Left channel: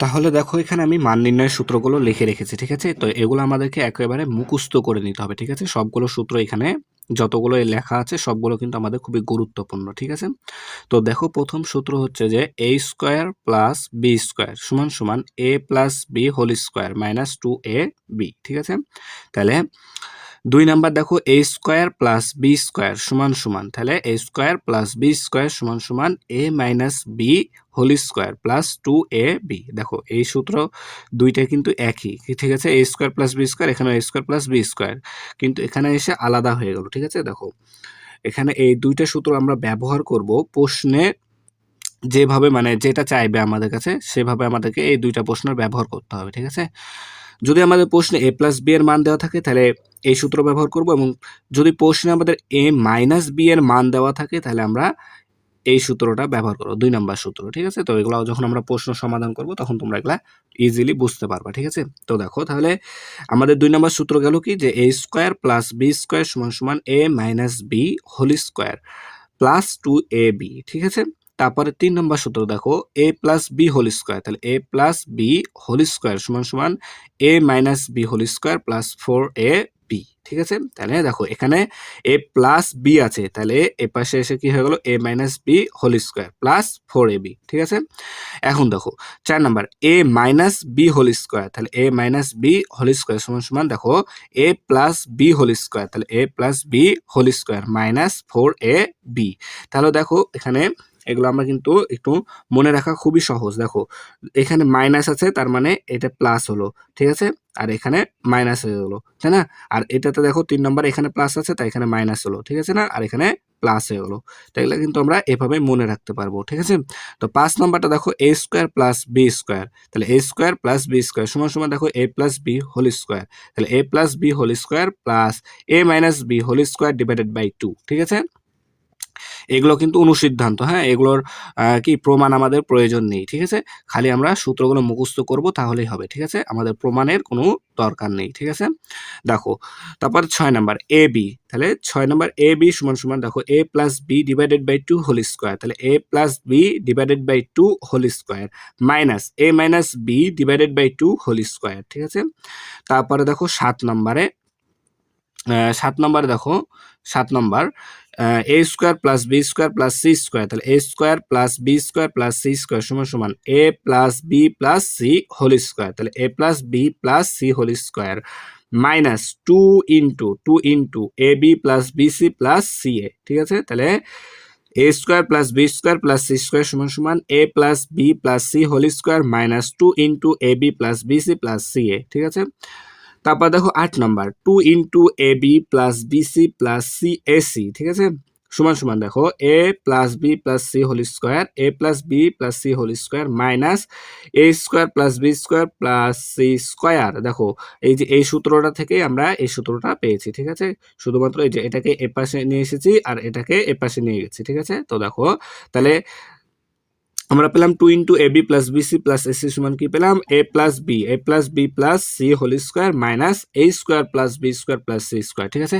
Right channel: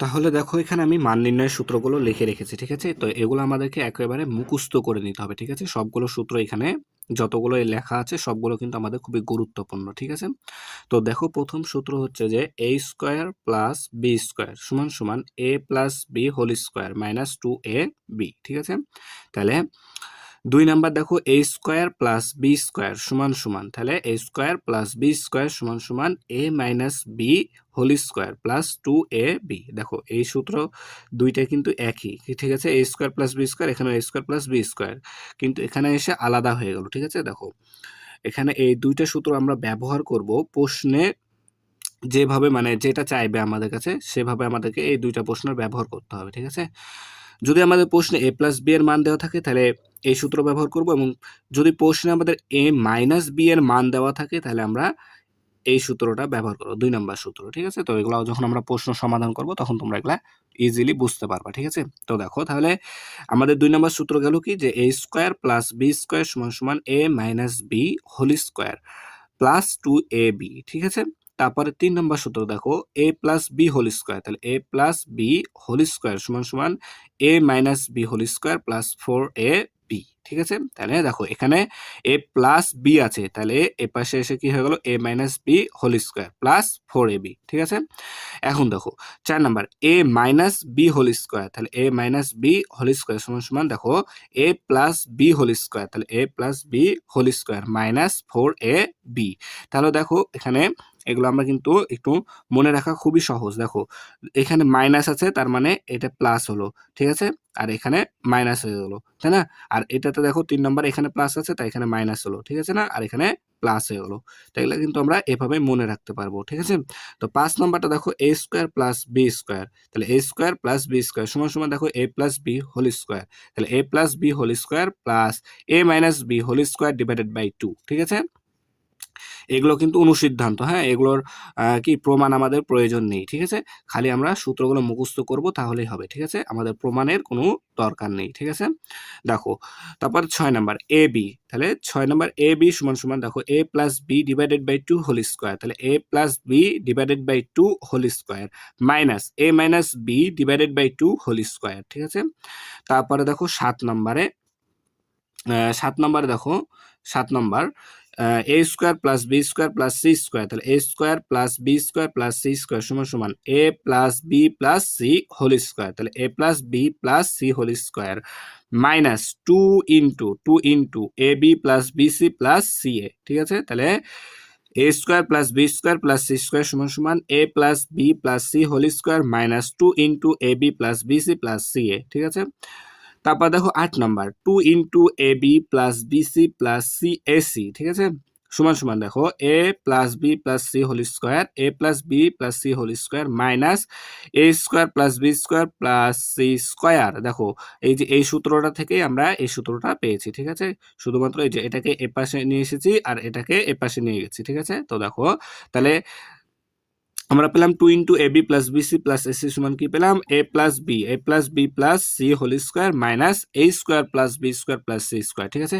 তাহলে দেখো এখানে আমি মান নির্ণয়ের সূত্রগুলো লিখে রেখেছি, ঠিক আছে? তো এগুলো আমাদেরকে একেবারে মুখস্থ করে নিতে হবে, ঠিক আছে? সবগুলো সূত্র এখানে যতগুলো লেখা আছে সবগুলো কিন্তু আমাদের খুবই গুরুত্বপূর্ণ, ঠিক আছে? তো দেখো প্রথম সূত্র হচ্ছে যে a square plus b square সমান সমান a plus b whole square minus 2ab, ঠিক আছে? তাহলে 2 নাম্বার দেখো a square plus b square সমান সমান, তাহলে a square plus b square সমান সমান a minus b whole square plus 2ab। দেখো এই সূত্র দুইটা কিন্তু একই, ঠিক আছে? a square plus b square, এখানে a square plus b square, কিন্তু এখানে এসে আলাদা হয়ে গেল, ঠিক আছে? দেখো এখানে এই দুইটা সূত্র আমরা ব্যবহার করব প্রশ্নে, যেভাবে মানে যেটা চাইবে আমাদের কাছে সেভাবে আমাদেরকে এই দুইটা প্রশ্নের ব্যবহার করতে হবে, ঠিক আছে? যদি আমাদের প্রশ্নে a প্লাস b এর মান দেওয়া থাকে তাহলে এই সূত্র ব্যবহার করব, এবং যদি প্রশ্নে আমাদের a মাইনাস b এর মান দেওয়া থাকে তাহলে আমরা এই সূত্রটা ব্যবহার করবো, 2 নাম্বার সূত্র, ঠিক আছে? তো এগুলো যখন আমরা প্রশ্ন সমাধান করব তখন তোমরা এগুলা ইজিলি বুঝতে পারবা, ঠিক আছে? তো দেখো তাহলে আমাদের 2 নাম্বার সূত্র গেল কি, যে a square plus b square সমান সমান a minus b whole square plus 2ab, ঠিক আছে? তারপরে 3 নম্বর সূত্র দেখো a plus B whole square, তাহলে a plus B whole square সমান সমান a minus B whole square plus 4ab, ঠিক আছে? তাহলে দেখো এখানে a প্লাস বি আছে, তাহলে এ পাশে এসে কি হয়ে গেল a minus B whole square plus 4ab, ঠিক আছে? এখন দেখো 4 number a minus B whole square, তাহলে a minus B whole square সমান সমান দেখো a plus B whole square, তাহলে a plus B whole square minus 4ab। তাহলে দেখো এখানে এগুলো আমরা কিন্তু একটু মনে রাখা খুবই সহজ। দেখো এখানে মাইনাস আছে, তার মানে এটা প্লাস হলো, ঠিক আছে? আর এখানে মাইনাস হয়ে গেলো, তাই না? আর এটাতে দেখো 3 নম্বর এখানে প্লাস আছে, তাই এখানে মাইনাস হলো, ঠিক আছে না? আর এখানে প্লাস হয়ে গেলো। তো এগুলো কিন্তু আমরা এভাবে মনে রাখতে পারবো, ঠিক আছে? তো 5 নম্বরটা দেখো a square plus B square, তাহলে a square plus B square সমান সমান দেখো a plus B whole square, তাহলে a plus B whole square plus a minus B whole square divided by 2, ঠিক আছে? এগুলো কিন্তু অনুসিদ্ধান্ত, হ্যাঁ? এগুলোর কি প্রমাণ আমাদের প্রয়োজন নেই, ঠিক আছে? খালি আমরা সূত্রগুলো মুখস্থ করব তাহলেই হবে, ঠিক আছে? আমাদের প্রমাণের কোনো দরকার নেই, ঠিক আছে? দেখো তারপর 6 নাম্বার এ বি, তাহলে 6 নাম্বার এ বি সমান সমান দেখো a plus B divided by 2 whole square, তাহলে a plus B divided by 2 whole square minus a minus B divided by 2 whole square, ঠিক আছে? তারপরে দেখো 7 নম্বরে 7 নম্বরে দেখো 7 number A square plus B square plus C square, তাহলে A square plus B square plus C square সমান সমান A plus B plus C whole square, তাহলে A plus B plus C whole square minus 2 into A B plus B C plus C A, ঠিক আছে? তাহলে A square plus B square plus C square সমান সমান A plus B plus C whole square minus 2 into A B plus B C plus C A, ঠিক আছে? তারপর দেখো 8 number 2 into A B plus BC plus C AC, ঠিক আছে? সমান সমান দেখো A plus B plus C whole square A plus B plus C whole square minus A square plus B square plus C square. দেখো এই যে এই সূত্রটা থেকে আমরা এই সূত্রটা পেয়েছি, ঠিক আছে? শুধুমাত্র এই যে এটাকে এ পাশে নিয়ে এসেছি আর এটাকে এ পাশে নিয়ে গেছি, ঠিক আছে? তো দেখো তাহলে আমরা পেলাম 2 into A B plus BC plus AC সমান কি পেলাম A plus B plus C whole square minus A square plus B square plus C square, ঠিক আছে?